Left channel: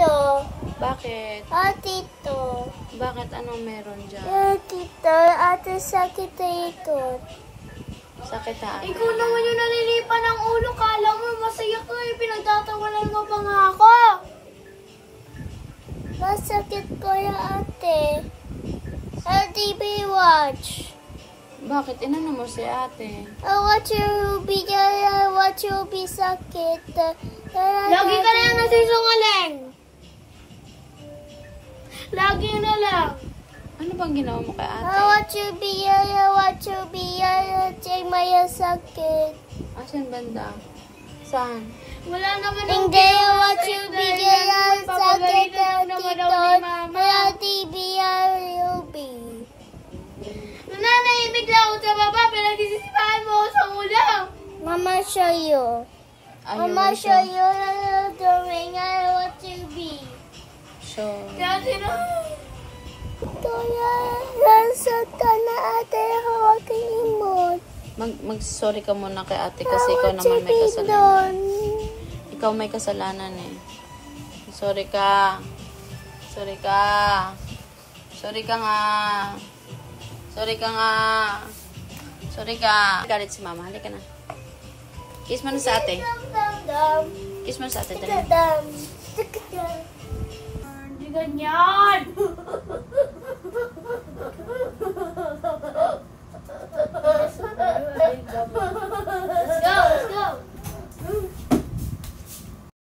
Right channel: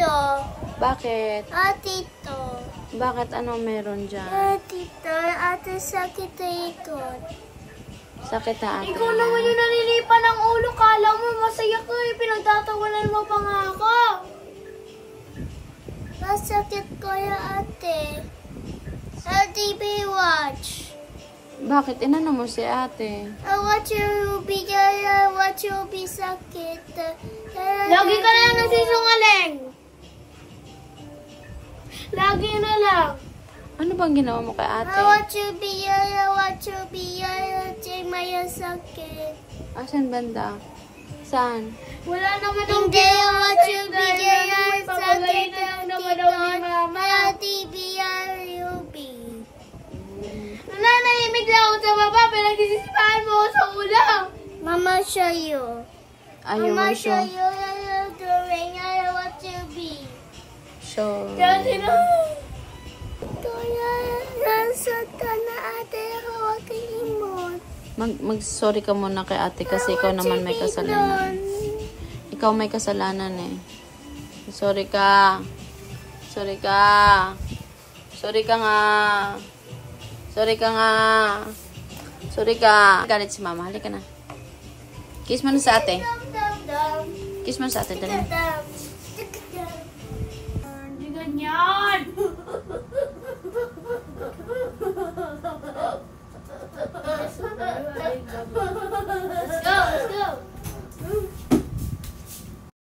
Tito. Bakit? Tito. Bakit? Anong meron dyan? Tito, ate sakit ito. Sakit na ate. Ikaw naman yung nalilipan ng ulo. Kala mo masaya ko eh. Pinagtatawanan mo pa nga ako. Masakit ko ya ate. Sa TV watch. Bakit? Inano mo si ate? Watch you be sakit. Lagi ka lang nagsisungaling. Lagi na lang. Ano bang ginawa mo kay ate? Watch you be Maya sakit. Asan banda? Saan? Wala naman hindi watch you be sakit tito. Maya TV RUB. Nananahimik lang ako sa baba, pero nagsisipahan mo ako sa ulo. Mama show you. Mama show you the ring I want to be. So, Kasi na. Kaya, nasa ka na ate, hawak imot. mag-sorry ka muna kay ate kasi ikaw naman may kasalanan. Ikaw may kasalanan eh. Sorry ka. Sorry ka. Sorry ka nga. Sorry ka nga. Sorry ka. Galit si mama. Halika na. Kiss mo na sa ate. Kiss mo sa ate. Dali. Hindi ganyan.